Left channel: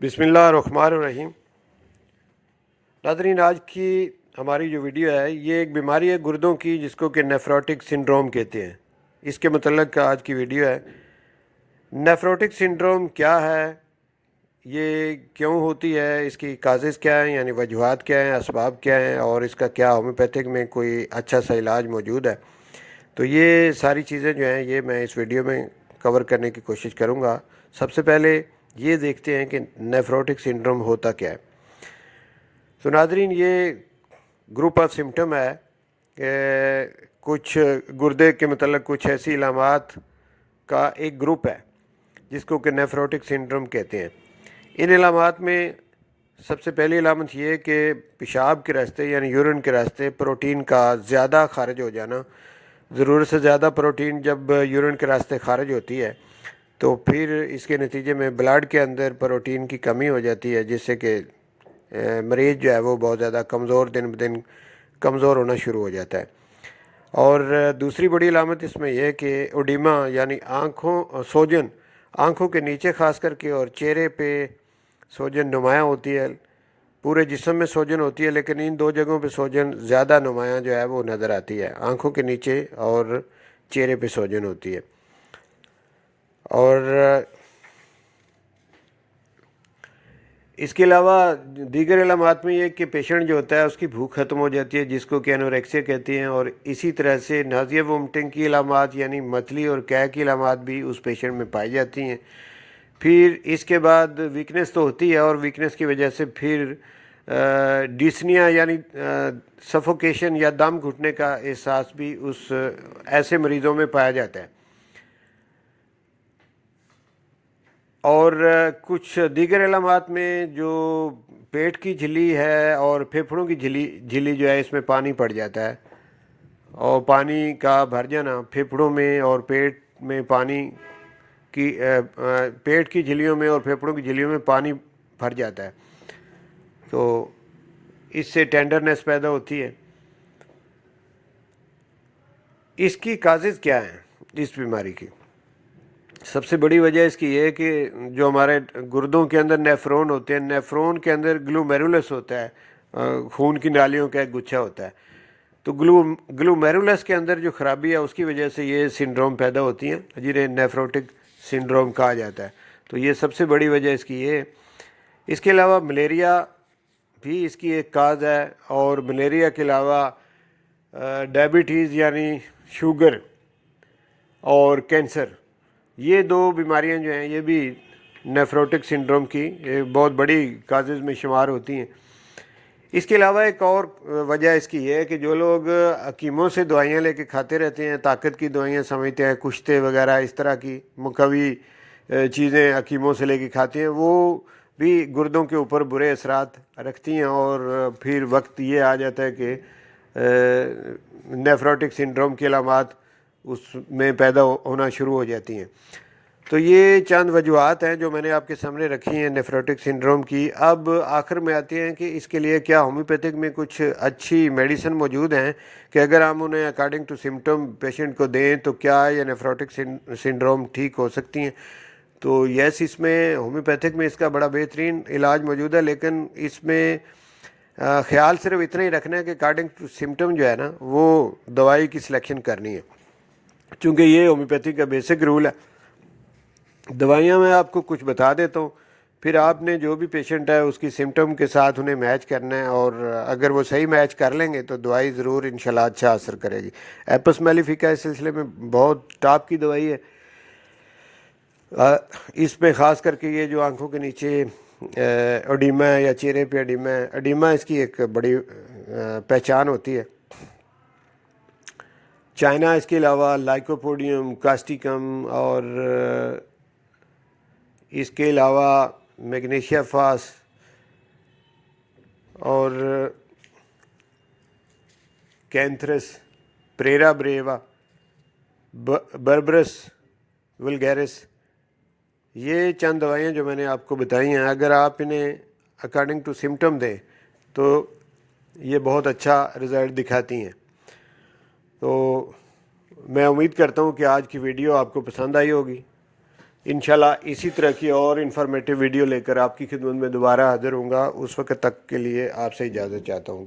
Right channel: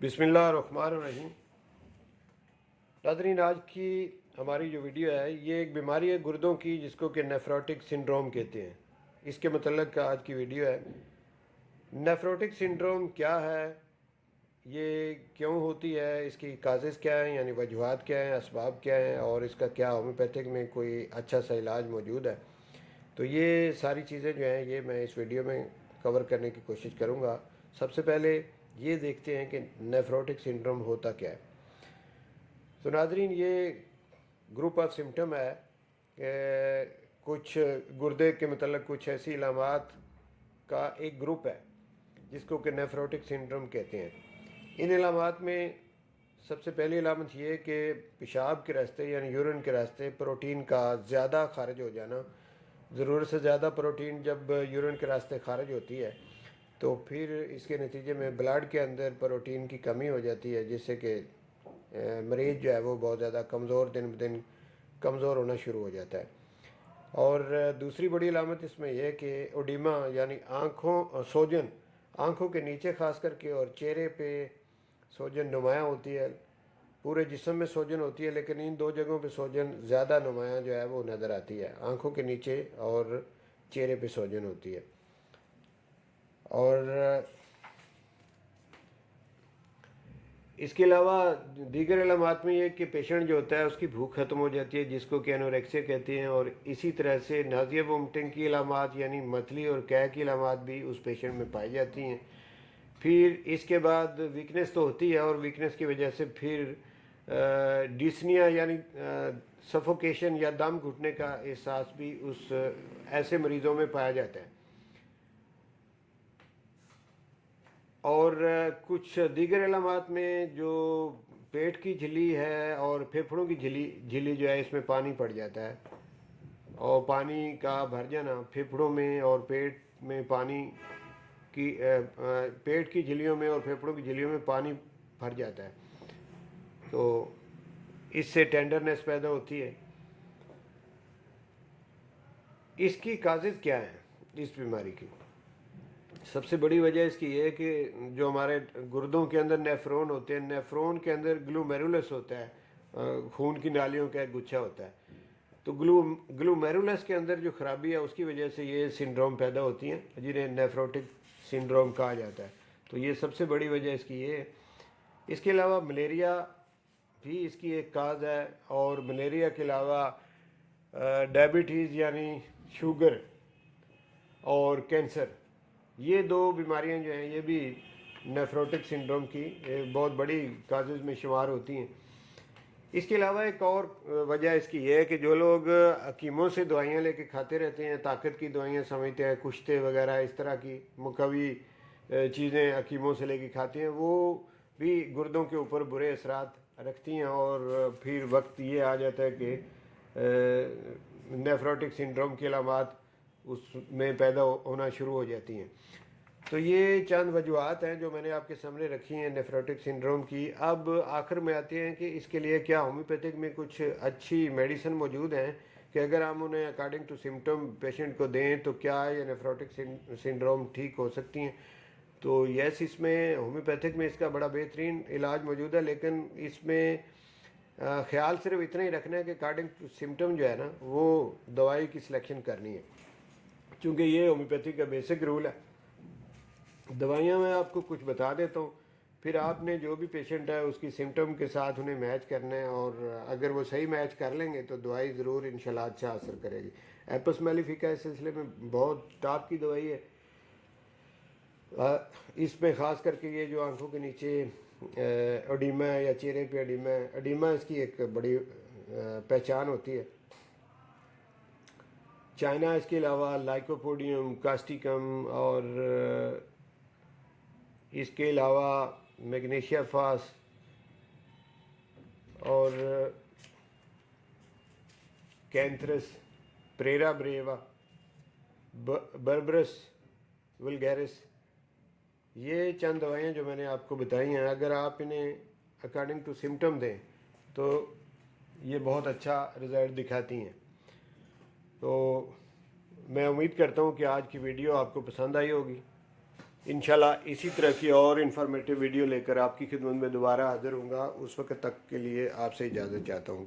बिस्मिल्लाहिर्रहमानिर्रहीम। नाज़रीन, आज की हमारी जो वीडियो है ये एक बीमारी है गुर्दों की जिसको कि नेफ्रोटिक सिंड्रोम कहते हैं। इसके मतलब आज की वीडियो है। नेफ्रोटिक सिंड्रोम क्या है, ये क्यों होती है, इसकी काजेज़ क्या हैं यानी वजूहात क्या हैं, असबाब क्या हैं और इसका क्या होम्योपैथिक में कोई अच्छा सा इलाज मौजूद है। तो ये सारी चीज़ें जो हैं ये मैं इस वीडियो में कवर करने की कोशिश करूँगा। सबसे पहले ये देखते हैं कि नेफ्रोटिक सिंड्रोम होता क्या है। तो नाज़रीन, ये ग्रुप ऑफ सिम्टम है कि कुछ गुर्दे के मतलब कुछ ऐसी इलामात का एक ग्रुप है जिसको कि नेफ्रोटिक सिंड्रोम कहते हैं। इन इलामात में सबसे पहली इलामत ये है कि पेशाब के रास्ते यानी यूरिन के रास्ते प्रोटीन का ज़्यादा खारिज हो जाना। ज़रूरत से ज़्यादा प्रोटीन जब यूरिन के रास्ते खारिज होती है तो फिर इसके नतीजे में ब्लड के अंदर प्रोटीन की कमी हो जाती है, जिससे कि मरीज़ जो है वो बहुत ज़्यादा कमज़ोर, दिन ब दिन कमज़ोर होना शुरू हो जाता है। और दूसरी बड़ी अलामत इसमें यह है कि ओडिमा यानी सोजन आँखों के नीचे ख़ास करके और चेहरे पे सोजन नुमायाँ होती है। पूरे जिस्म में सोजन होती है लेकिन इन दो जगहों पे सोजन ज़्यादा नुमायाँ जो है वो नज़र आती है। आँखों के नीचे और चेहरे पे सोजन होती है। और इसके अलावा दीगर इलामात में ये कि पेशेंट जो होता है उसकी भूख ख़त्म हो जाती है जिसको कि एनोरेक्सिया कहती हैं। और इसी तरह से नाज़िया वोमिटिंग की इलामात यानी मतली और कै की इलामात भी उस पेशेंट में पाई जाती हैं। फिर इसके बाद वीकनेस तो होती है और वीकनेस की वजह से फिर डिस्निया यानी सफोकेशन या दम घुटने का एहसास भी उस ऐसे मरीज़ों में पाया जाता है। और कुछ दीगर इलामात में जो पेट की झिल्ली है और फेफड़ों की झिल्ली जो है इसमें पानी पड़ जाता है और पानी का भर जाना फेफड़ों में और पेट में पानी की पेट की झिल्लियों में और फेफड़ों की झिल्लियों में पानी भर जाता है तो इससे टेंडरनेस पैदा होती है। इसकी काजेज़ क्या हैं इस बीमारी की? सबसे बड़ी वजह इसकी ये है कि जो हमारे गुर्दों के अंदर नेफ्रॉन होते हैं, नेफ्रॉन के अंदर ग्लूमेरुलस होता है, खून की नालियों का एक गुच्छा होता है। तो ग्लूमेरुलस के अंदर जो ख़राबी है उसकी वजह से ये सिंड्रोम पैदा होती हैं जिन्हें नेफ्रोटिक सिंड्रोम कहा जाता है। तो ये सबसे बड़ी वजह इसकी ये है। इसके अलावा मलेरिया भी इसकी एक काज है और मलेरिया के अलावा डायबिटीज़ यानी शुगर और कैंसर, ये दो बीमारियां जो हैं ये भी नेफ्रोटिक सिंड्रोम की बहुत बड़ी काजेज़ में शुमार होती हैं। इसके अलावा एक और वजह इसकी ये है कि जो लोग हकीमों से दवाइयाँ लेके खाते रहते हैं, ताकत की दवाइयाँ समझते हैं, कुश्ते वगैरह इस तरह की मुकवी चीज़ें हकीमों से लेके खाते हैं, वो भी गुर्दों के ऊपर बुरे असरात रखती हैं और फिर वक्त ये आ जाता है कि नेफ्रोटिक सिंड्रोम की अलामात उसमें पैदा होना शुरू हो जाती हैं। तो ये चंद वजूहत हैं जो मैंने आपके सामने रखी हैं नेफ्रोटिक सिंड्रोम की। अब आखिर में आते हैं कि इसके लिए क्या होम्योपैथिक में कुछ अच्छी मेडिसिन मौजूद हैं कि अगर हम उन्हें अकॉर्डिंग टू सिम्टम पेशेंट को दें तो क्या ये नेफ्रोटिक सिंड्रोम ठीक हो सकती हैं। तो यस, इसमें होम्योपैथिक में इसका बड़ा बेहतरीन इलाज मौजूद है, लेकिन इसमें ख्याल सिर्फ इतना ही रखना है कि अकॉर्डिंग टू सिम्टम जो है ना वो दवाई की सिलेक्शन करनी है, चूँकि ये होम्योपैथी का बेसिक रूल है। दवाइयाँ मैं आपको कुछ बता देता हूँ, फिर आपने जो भी पेशेंट है उसकी सिम्टम के साथ उन्हें मैच करना है और अगर वो सही मैच कर लेंगे तो दवाई ज़रूर इंशाल्लाह अच्छा असर करेगी। एपस मेलिफिका इस सिलसिले में बहुत टॉप की दवाई है। इसमें ख़ास करके ये जो आंखों के नीचे एडिमा है या चेहरे पे एडिमा है, एडिमा इसकी एक बड़ी पहचान होती है। चाइना इसके अलावा लाइकोपोडियम, कास्टिकम और इसके अलावा मैग्नीशिया फास और कैंथरस, प्रेरा ब्रेवा, बर्बरस वल्गैरिस, ये चंद दवाइयाँ जो मैंने आपको बताई हैं, अगर आप इन्हें अकॉर्डिंग टू सिम्टम दें तो ये बहुत अच्छा रिज़ल्ट दिखाती हैं। तो मैं उम्मीद करता हूँ कि आज की वीडियो आपको पसंद आई होगी। इंशाल्लाह इसी तरह की और इन्फॉर्मेटिव वीडियो लेकर आपकी खिदमत में दोबारा हाजिर होऊंगा। उस वक्त तक के लिए आपसे इजाज़त चाहता हूँ।